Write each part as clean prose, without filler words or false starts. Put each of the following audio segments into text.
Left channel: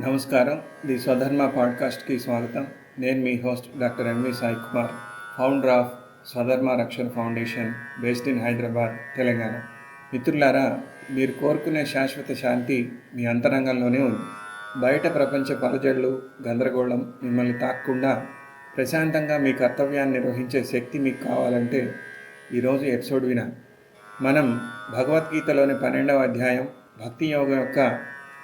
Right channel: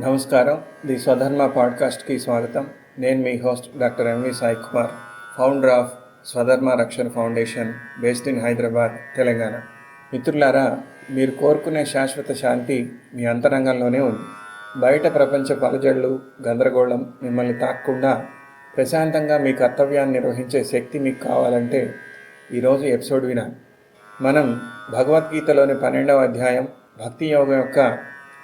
నమస్కారం. ది స్వధర్మ పాడ్కాస్ట్కి స్వాగతం. నేను మీ host doctor MV Sai Kumar, founder of Swadharma Rakshana foundation, based in Hyderabad, Telangana. మిత్రులారా, మీరు కోరుకునే శాశ్వత శాంతి మీ అంతరంగంలోనే ఉంది. బయట ప్రపంచ పలజడులు, గందరగోళం మిమ్మల్ని తాకకుండా ప్రశాంతంగా మీ కర్తవ్యాన్ని నిర్వహించే శక్తి మీకు కావాలంటే ఈరోజు ఎపిసోడ్ వినాలి. మనం భగవద్గీతలోని 12వ అధ్యాయం భక్తి యోగం యొక్క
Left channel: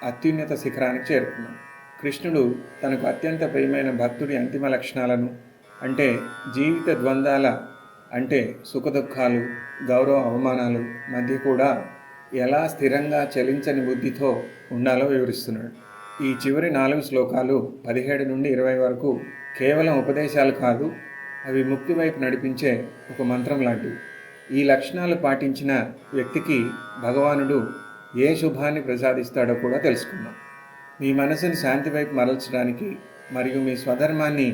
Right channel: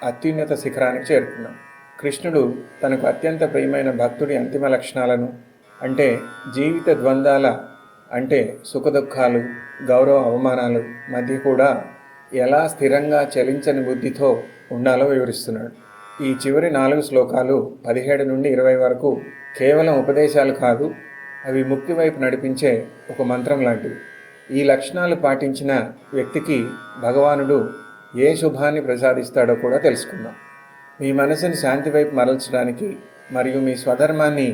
అత్యున్నత శిఖరానికి చేరుకున్నాం. కృష్ణుడు తనకు అత్యంత ప్రియమైన భక్తుడి అంతిమ లక్షణాలను, అంటే జీవిత ద్వంద్వాల, అంటే సుఖదుఖాలు, గౌరవ అవమానాలు మధ్య కూడా ఎలా స్థిరంగా చలించని బుద్ధితో ఉండాలో వివరిస్తున్నాడు. ఈ చివరి 4 శ్లోకాలు 17 నుండి 20 వరకు కేవలం ఉపదేశాలు కాదు, అవి ముక్తి వైపు నడిపించే ఒక మంత్రం లాంటివి. ఈ లక్షణాలు పాటించిన వ్యక్తికి భగవానుడు ఏ శుభాన్ని ప్రసాదిస్తాడో కూడా తెలుసుకుందాం. మీ మనసుని శాంతి వైపు మరల్చడానికి మరియు మీ స్వధర్మాన్ని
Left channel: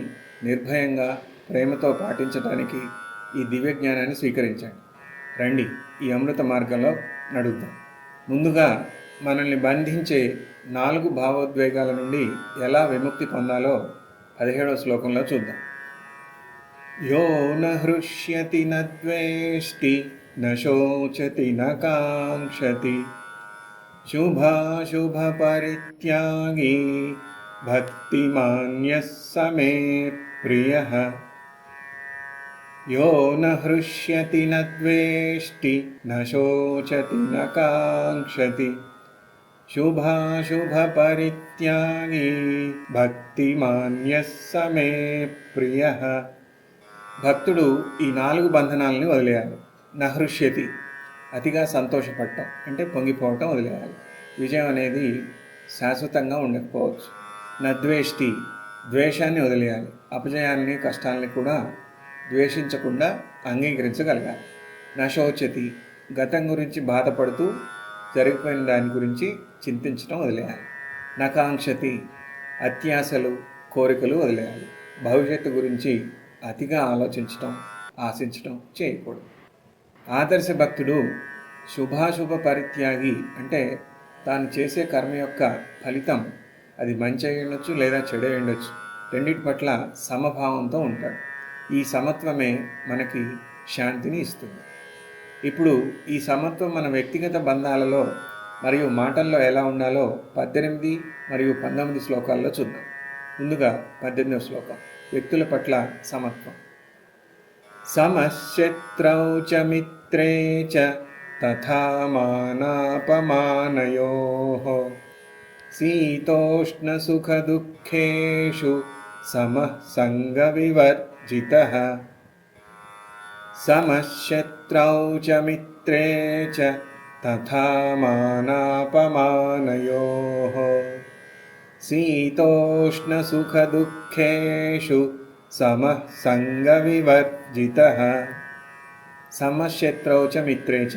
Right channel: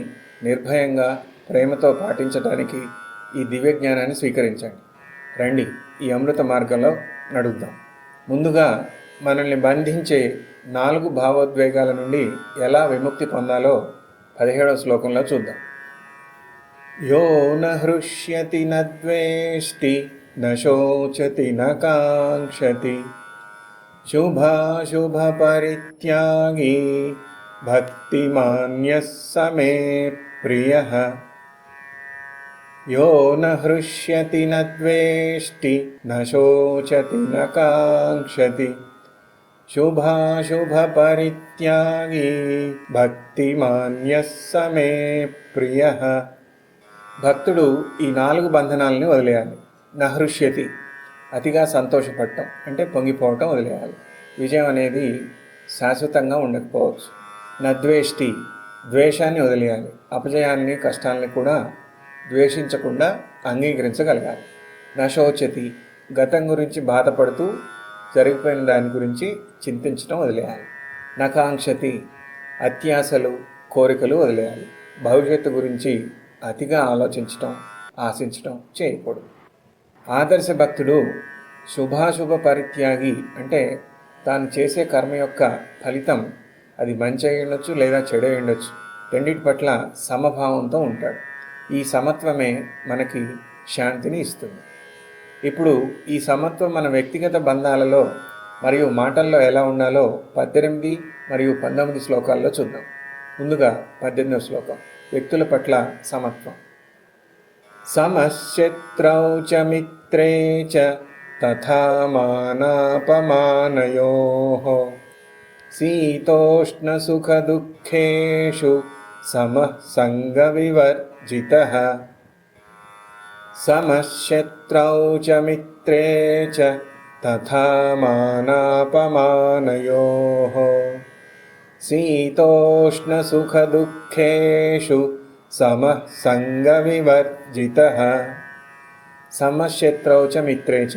నిర్భయంగా ప్రేమతో పాటించడానికి ఈ దివ్య జ్ఞానాన్ని స్వీకరించండి. రండి, ఈ అమృత మార్గంలో నడుద్దాం. ముందుగా మనల్ని బంధించే 4 భావోద్వేగాల నుండి ఎలా విముక్తి పొందాలో 17వ శ్లోకంలో చూద్దాం. యో న హృష్యతి న ద్వేష్టి న శోచతి న కాంక్షతి శుభాశుభ పరిత్యాగి భక్తిమాన్యః సమే ప్రియః. యో న హృష్యతి న ద్వేష్టి న శోచతి న కాంక్షతి శుభాశుభ పరిత్యాగి భక్తిమాన్యః సమే ప్రియః. భక్తుడు ఈ 4 బంధనాలను వదిలేయాలి. నహృష్యతి, అతిగా సంతోషపడటం అంటే పొంగిపోవటం వదిలేయాలి. విజయం అనేది శాశ్వతంగా ఉండకపోవచ్చు. నద్వేష్టి, ద్వేషాన్ని వదిలేయాలి. అపజయాన్ని, కష్టాలని కూడా ద్వేషించకుండా అంగీకరించగలగాలి. నశోచతి, గతం గురించి బాధపడుతూ జరిగిపోయిన దాని గురించి చింతించడం వదిలేయాలి. నకాంక్షతి, అత్యాశలు, కోరికలు వదిలేయాలి. భవిష్యత్తు గురించి అతిగా ఆలోచించటం, ఆశించటం చేయకూడదు. ఆదర్శ భక్తుడు శుభాశుభ పరిత్యాగి, అంటే తాను చేసే కర్మ యొక్క ఫలితం అది మంచి అయి ఉండొచ్చు లేదా చెడు అయి ఉండొచ్చు, రెండింటి పట్ల సమభావంతో ఉంటాడు. ఈ సమత్వమే మనకి శాంతిని ఇస్తుంది. ఇప్పుడు ఈ సమత్వం మన వ్యక్తిగత బంధాలలో మరియు మాటల్లో ఎలా ఉండాలో 18 మరియు 19 శ్లోకాల్లో చూద్దాం. ముందుగా 18వ శ్లోకం, వ్యక్తుల పట్ల సమత్వం. సమశత్రౌ చ మిత్రే చ తథా మానాపమానయోః శీతోష్ణ సుఖ దుఃఖేషు సమః సంగ వివర్జితః. సమశత్రౌ చ మిత్రే చ తథా మానాపమానయోః శీతోష్ణ సుఖ దుఃఖేషు సమః సంగ వివర్జితః. సమశత్రౌ చ మిత్రే చ,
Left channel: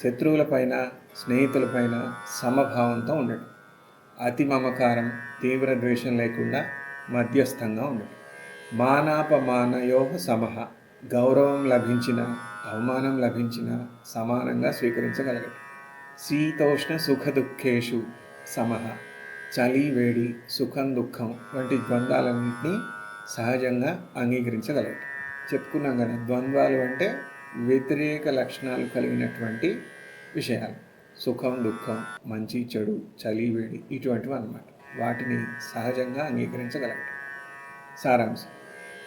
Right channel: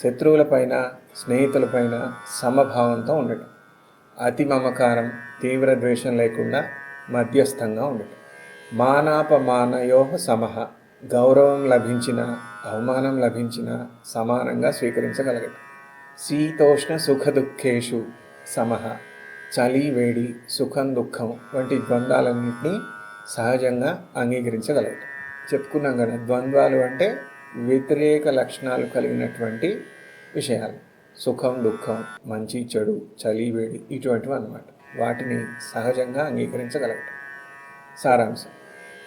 శత్రువులపైన స్నేహితులపైన సమభావంతో ఉండడం. అతి మమకారం, తీవ్ర ద్వేషం లేకుండా మధ్యస్థంగా ఉండడం. మానాపమానయోః సమః, గౌరవం లభించిన అవమానం లభించిన సమానంగా స్వీకరించగలగడం. శీతోష్ణ సుఖ దుఃఖేషు సమః, చలి వేడి, సుఖం దుఃఖం వంటి ద్వంద్వాలన్నింటినీ సహజంగా అంగీకరించగలగడం. చెప్పుకున్నాం కదా, ద్వంద్వాలు అంటే వ్యతిరేక లక్షణాలు కలిగినటువంటి విషయాలు. సుఖం దుఃఖం, మంచి చెడు, చలి వేడి, ఇటువంటివి అన్నమాట. వాటిని సహజంగా అంగీకరించగలగడం. సారాంశం,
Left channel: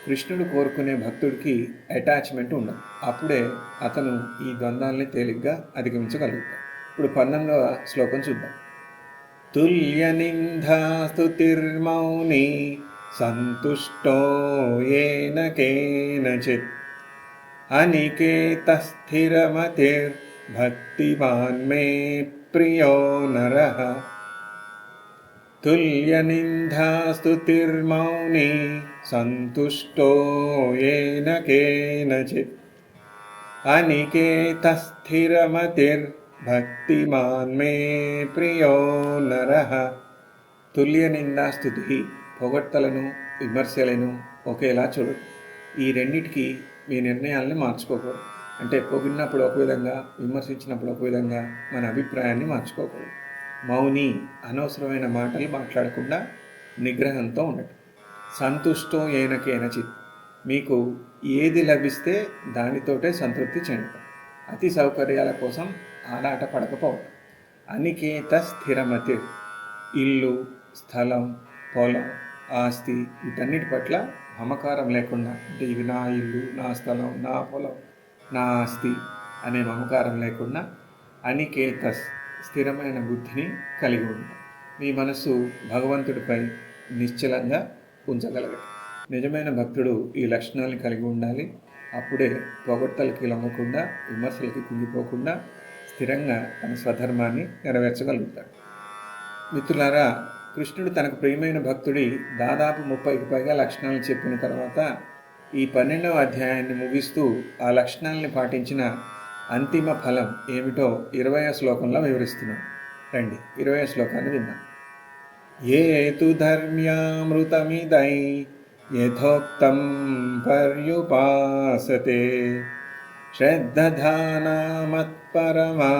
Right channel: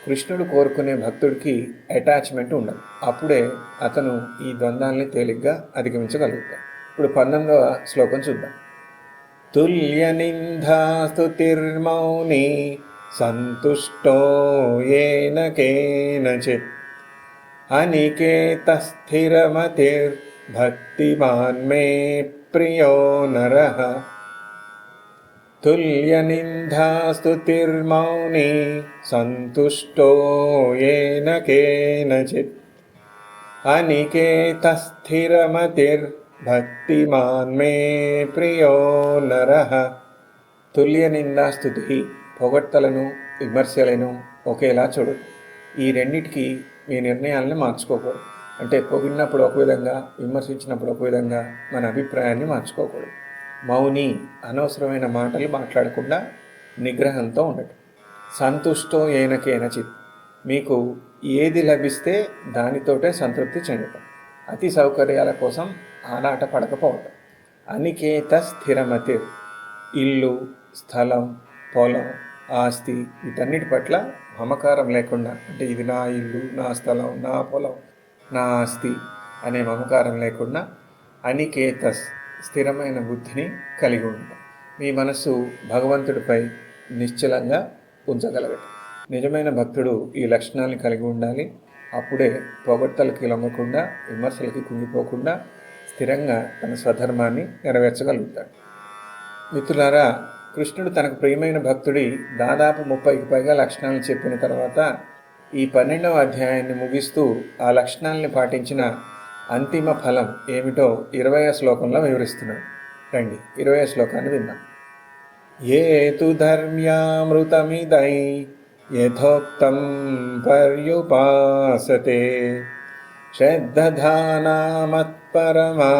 కృష్ణుడు కోరుకునే భక్తుడికి అటాచ్మెంట్ ఉండదు. అప్పుడే అతను ఈ ద్వంద్వాలని తేలిగ్గా అధిగమించగలుగుతాడు. ఇప్పుడు 19వ శ్లోకం చూద్దాం. తుల్య నిందాస్తుతిర్మౌని సంతుష్టో ఏన కేనచిత్ అనికేతః స్థిరమతిర్భక్తిమాన్ మే ప్రియో నరః. తుల్య నిందాస్తుతిర్మౌని సంతుష్టో ఏన కేనచిత్ అనికేతః స్థిరమతిర్భక్తిమాన్ మే ప్రియో నరః. తుల్య నిందాస్తుతి, పొగడ్తలను విమర్శలను ఒకేలా చూడు. ఈ రెండిటికి మీ నిర్ణయాలను మార్చుకోకూడదు. అంటే పొగిడినప్పుడు ఒక విధంగా, విమర్శించినప్పుడు ఒక విధంగా మన అభిప్రాయాన్ని మార్చుకోకూడదు. మౌని, అనవసరమైన మాటలు మాట్లాడకుండా నిగ్రహంతో ఉండటం. సంతుష్టో ఏన కేనచిత్, మీకు ఏది లభిస్తే దానితోటే సంతృప్తి చెందటం. అతి సౌకర్యాల కోసం ఆరాట పడకపోవటం. అనికేత స్థిరమతి, ఇల్లు, స్థలం, పొలం, ఆస్తి వీటన్నిటి పట్ల మమకారం లేకుండా, అంటే ఇది నా ఇల్లు, నా స్థలం, నా పొలం, నా ఆస్తి అనే మమకారం లేకుండా అనికేతస్, స్థిరమైన బుద్ధిని కలిగి ఉంటాం. మీ మనస్సు భగవంతుడిపై నిశ్చలంగా ఉంచగలగదు. నిజమైన భక్తుడు ఈ లక్షణాలను కలిగి ఉండాలి. అప్పుడే పొగడ్తలకి లొంగకుండా, విమర్శలకి కుంగిపోకుండా స్థిరంగా తన స్వధర్మాన్ని నెరవేర్చగలుగుతాడు. మిత్రులారా, కృష్ణుడు తనకు ప్రియమైన భక్తుడి దాదాపు 30కి పైగా లక్షణాలను చెప్పిన తర్వాత ఈ 12వ అధ్యాయాన్ని ముగిస్తూ ఆ లక్షణాలని పాటించిన అంతిమ ఫలం ఏమిటో 20వ శ్లోకంలో వివరిస్తున్నాడు. రండి 20వ శ్లోకాన్ని విందాం. ఏ తు ధర్మ్యామృతమిదై యథోక్తం పర్యుపాసతే శ్రద్ధధానా మత్పరమా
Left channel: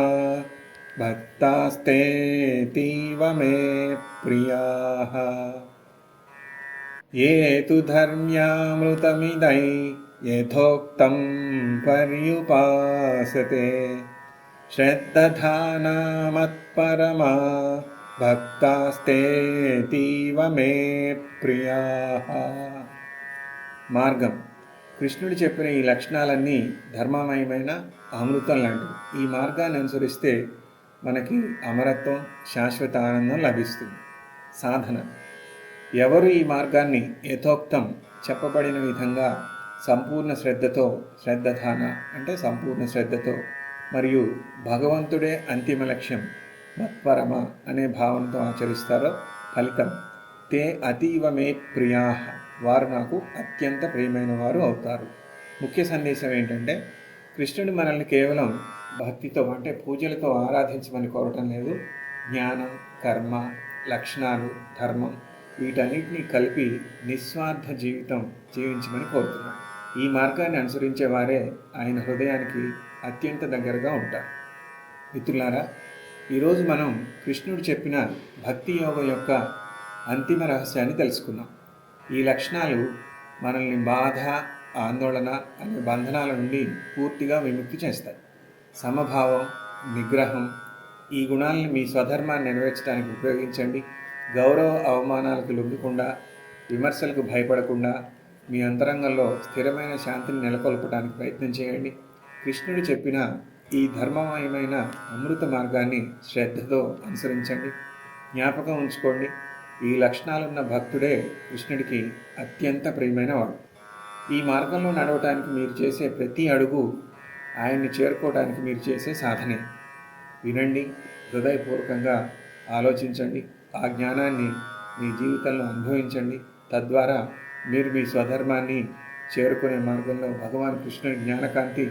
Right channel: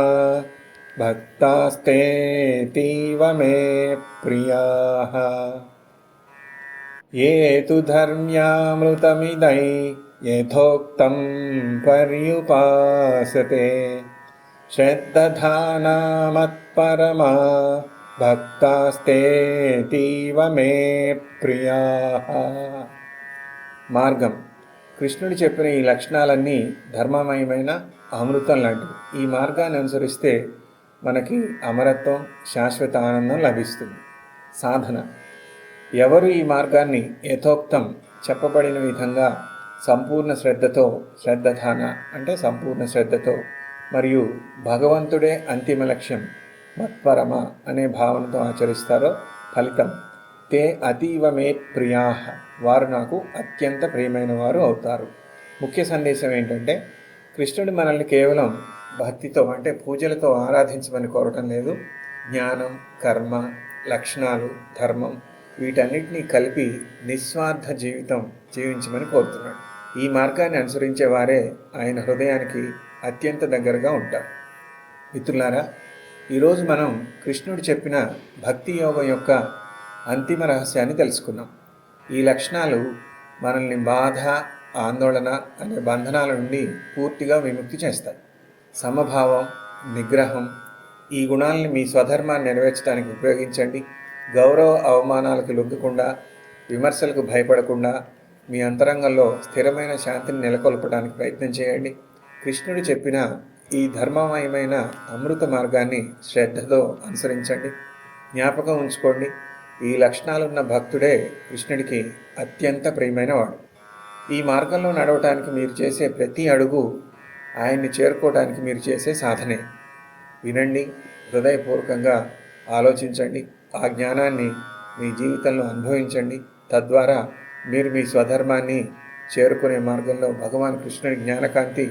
భక్తాస్తేతీవ మే ప్రియాః. ఏ తు ధర్మ్యామృతమిదై యథోక్తం పర్యుపాసతే శ్రద్ధధానా మత్పరమా భక్తాస్తేతీవ మే ప్రియాః. మార్గం. కృష్ణుడు చెప్పిన ఈ లక్షణాలన్నీ ధర్మమయమైన అమృతం లాంటివి. ఈ మార్గాన్ని అనుసరిస్తే మనకి అమరత్వం, శాశ్వత ఆనందం లభిస్తుంది. సాధన. ఎవరు ఈ మార్గాన్ని యథోక్తం చెప్పబడిన విధంగా సంపూర్ణ శ్రద్ధతో, శ్రద్ధధాన అంటే సంపూర్ణ శ్రద్ధతో, మరియు భగవంతుడే అంతిమ లక్ష్యం మత్పరమ అనే భావంతో ఆచరిస్తారో ఫలితం తే అతీవ మే ప్రియాః, వారు నాకు అత్యంత ప్రియమైన వారు అవుతారు. ముఖ్య సందేశం ఏంటంటే, కృష్ణుడు మనల్ని కేవలం భక్తితో అంటే పూజలతో ఆరాధించమని కోరటం లేదు. జ్ఞానం, కర్మ, లక్షణాలు, ధర్మం వీటన్నిటినీ కలిపి నిస్వార్థ జీవితం జీవించమని కోరుతున్నాడు. ఈ మార్గాన్ని అనుసరించే వారే ఆయన హృదయానికి అత్యంత దగ్గరగా ఉంటారు. మిత్రులారా, ఈరోజు మనం కృష్ణుడు చెప్పిన భక్తి యోగం యొక్క అంతిమ రహస్యాన్ని తెలుసుకున్నాం. ఈ లక్షణాలు మనల్ని బాధ, ఆందోళన అనే బంధనాల నుండి పూర్తిగా విముక్తి చేస్తాయి. సమభావం, నిగ్రహం ఈ గుణాలని మీ స్వధర్మాన్ని నెరవేర్చడానికి ఉపయోగించండి. గౌరవ అవమానాలకు లొంగకుండా, విమర్శలకు భయపడకుండా మీ అంతరంగంలో స్థిరమైన శాంతిని నెలకొల్పడానికి ప్రయత్నం చేయండి. కృష్ణుడు చెప్పిన ఈ ధర్మమయమైన అమృత మార్గాన్ని శ్రద్ధతో అనుసరించండి. జ్ఞాపకం ఉంచుకోండి, ఈ లక్షణాలున్న భక్తుడే కృష్ణుడికి అత్యంత ప్రియమైన వాడు. ఈ మార్గంలో నడవటానికి మీరు చేసే ప్రతి అడుగు ఆయన్ని చేరుకోవడానికి మీరు చేసే సాధనే. వినండి, హృదయపూర్వకంగా ఆలోచించండి, ఆ జ్ఞానాన్ని మీ జీవితంలో అనుభవించండి. తద్వారా మీరు మీ స్వధర్మాన్ని చేరుకునే మార్గంలో భగవాన్ కృష్ణుడి జ్ఞానకాంతి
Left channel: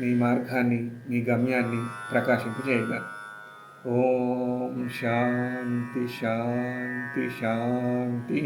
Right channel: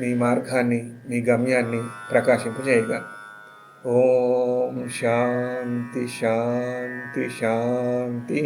మీ మార్గాన్ని, మీ గమ్యాన్ని ప్రకాశింపజేయగలరు. ఓం శాంతి శాంతి శాంతి.